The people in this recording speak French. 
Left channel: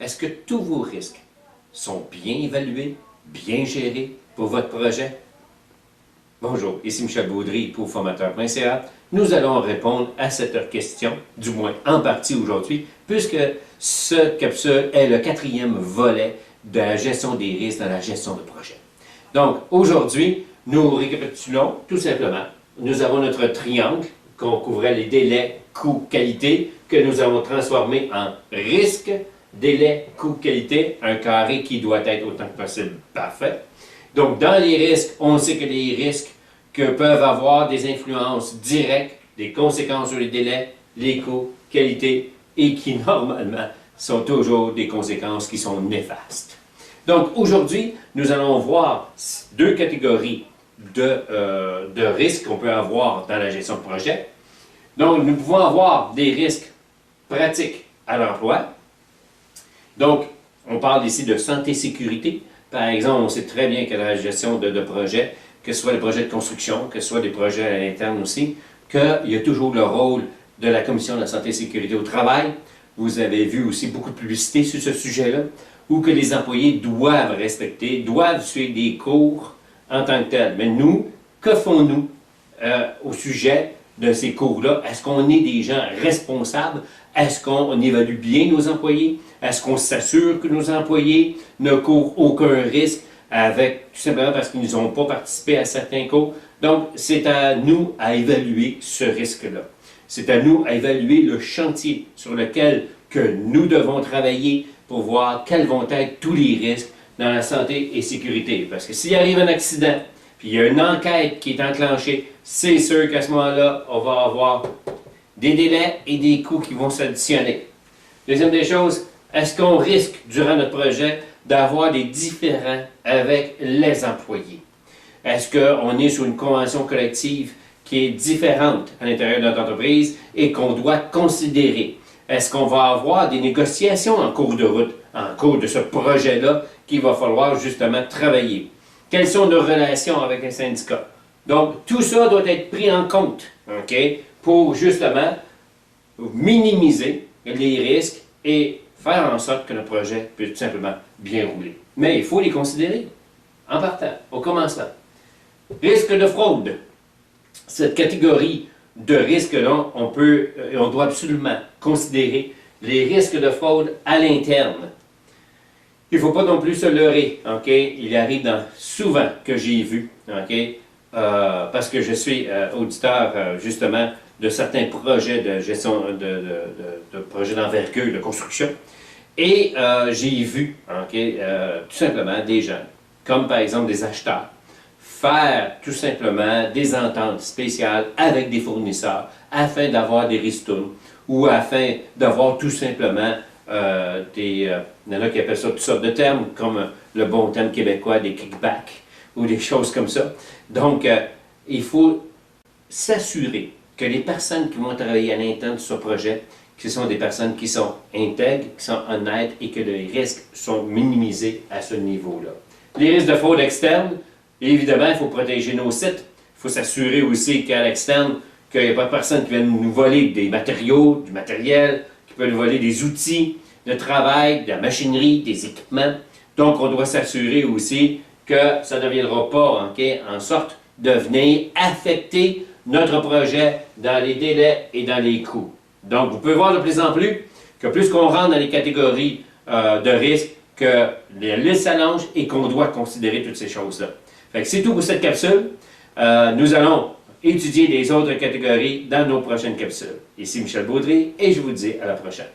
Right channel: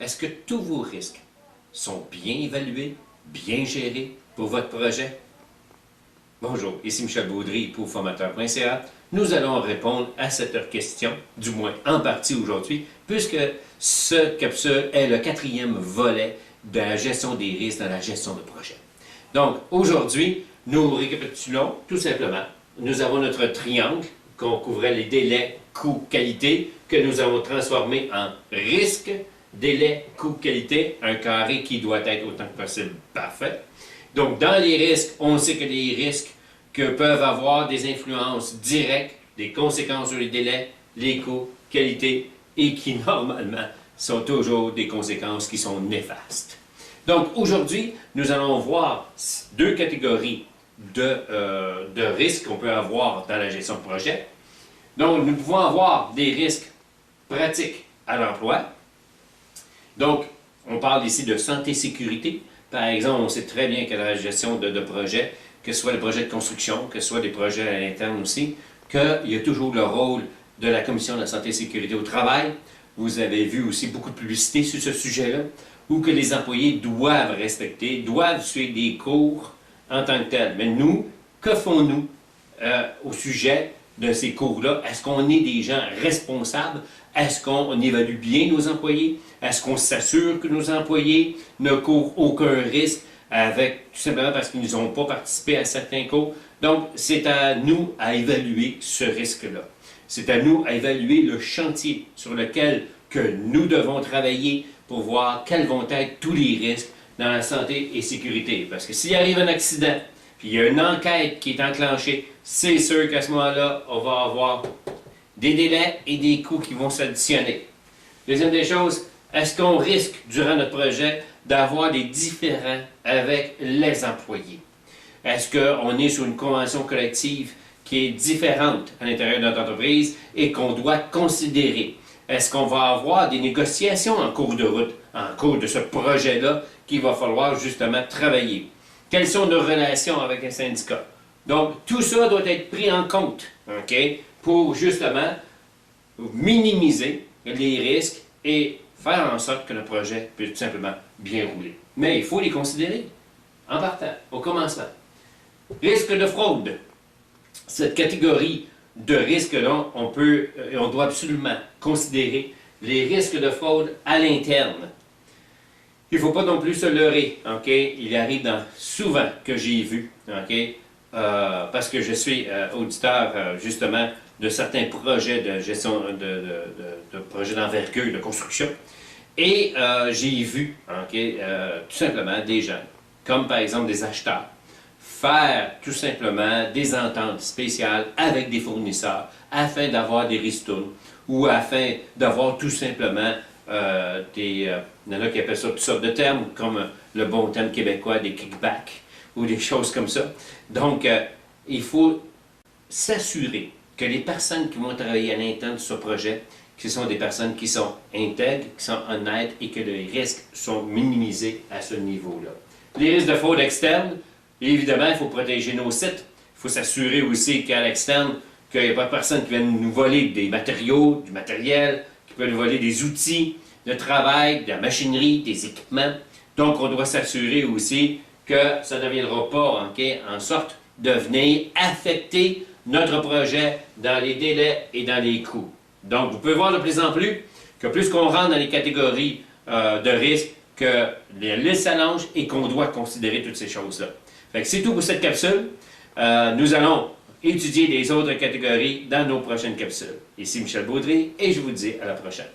est-ce que tous vos risques sont bien évalués, bien gérés pour votre projet? Bonjour, ici Michel Baudry pour formateur.ca. Nous allons répondre à cette question, du moins en partie aujourd'hui, puisque cette capsule est le 4e volet de la gestion des risques dans la gestion de projet. Donc, aujourd'hui, nous récapitulons tout simplement. Nous avons notre triangle qu'on couvrait les délais, coûts, qualité, que nous avons transformé en risque, délai, coût, qualité, un carré qui doit être autant que possible parfait. Donc, dans les risques, on sait que les risques peuvent avoir des influences directes, des conséquences sur les délais, les coûts, qualité, et qui, normalement, sont toujours des conséquences qui sont néfastes. Donc, aujourd'hui, nous allons voir deux catégories de risques qu'on peut avoir dans la gestion de projet. Donc, nous pouvons avoir des risques pratiques à l'emploi. Donc, on parle ici de santé-sécurité. Par exemple, on sait très bien que dans la gestion de projets, que ce soit des projets de construction, que ce soit des projets à l'interne aussi, qu'il y a toujours le rôle de la Commission de la santé et sécurité au travail. Vous avez vu aussi beaucoup de publicité sur ce sujet-là, où que les employés doivent respecter, doivent suivre des cours en tant que tels. Mais nous, que font-nous au sujet de ces cours-là? Est-ce qu'on est des gens responsables? Est-ce qu'on évalue bien nos employés? Est-ce qu'on s'assure que nos employés ne courent aucun risque tout simplement parce qu'ils n'ont pas participé à certains cours? Donc, c'est à nous à évaluer ce risque-là. C'est à nous à évaluer le chantier sur lequel que nous devons travailler pour voir quels vont être tous les risques dans la santé et sécurité. Parce que s'il arrive un accident, puis il y a une enquête qui est enclenchée, c'est sûr qu'à ce moment-là, on va avoir des délais et des coûts qui vont s'additionner. Deuxième des choses, est-ce qu'on risque, durant notre projet, d'avoir des différends avec les employés? Est-ce qu'on est sur une convention collective qui est différente à l'intérieur de notre entreprise et qu'on doit considérer? Est-ce qu'on va avoir des négociations en cours de route, en cours de ce projet-là, qu'il va falloir justement travailler? Quelles sont nos relations avec les syndicats? Donc, tout ça doit être pris en compte, OK, pour justement minimiser les risques et faire en sorte que le projet puisse tout simplement bien rouler. Mais il faut les considérer en partant, au commencement. Risque de fraude. Cette catégorie de risques-là, on doit absolument considérer les risques de fraude à l'interne. Il ne faut pas non plus se leurrer, OK? Il arrive souvent que j'ai vu, OK? Parce que je suis auditeur, justement, de certains projets de gestion, de projets d'envergure, de construction. Et j'ai vu, OK, tout simplement des gens, comme par exemple des acheteurs, faire tout simplement des ententes spéciales avec des fournisseurs afin d'avoir des ristournes ou afin d'avoir tout simplement il y en a qui appellent ça toutes sortes de termes, comme le bon terme québécois, des kickbacks ou des choses comme ça. Donc, il faut s'assurer que les personnes qui vont travailler à l'interne de ce projet, ce sont des personnes qui sont intègres, qui sont honnêtes et que les risques sont minimisés à ce niveau-là. Les risques de fraude externe, évidemment, il faut protéger nos sites. Il faut s'assurer aussi qu'à l'externe, qu'il n'y a pas personne qui vienne nous voler des matériaux, du matériel, qui peut nous voler des outils de travail, de la machinerie, des équipements. Donc, on doit s'assurer aussi que ça ne deviendra pas en sorte de venir affecter notre projet dans les délais et dans les coûts. Donc, vous pouvez voir de plus en plus que plus qu'on rentre dans les catégories de risques, que les listes s'allongent et qu'on doit considérer toutes ces choses-là. Fait que c'est tout pour cette capsule. Nous allons étudier les autres catégories dans nos prochaines capsules. Ici Michel Baudry et je vous dis à la prochaine.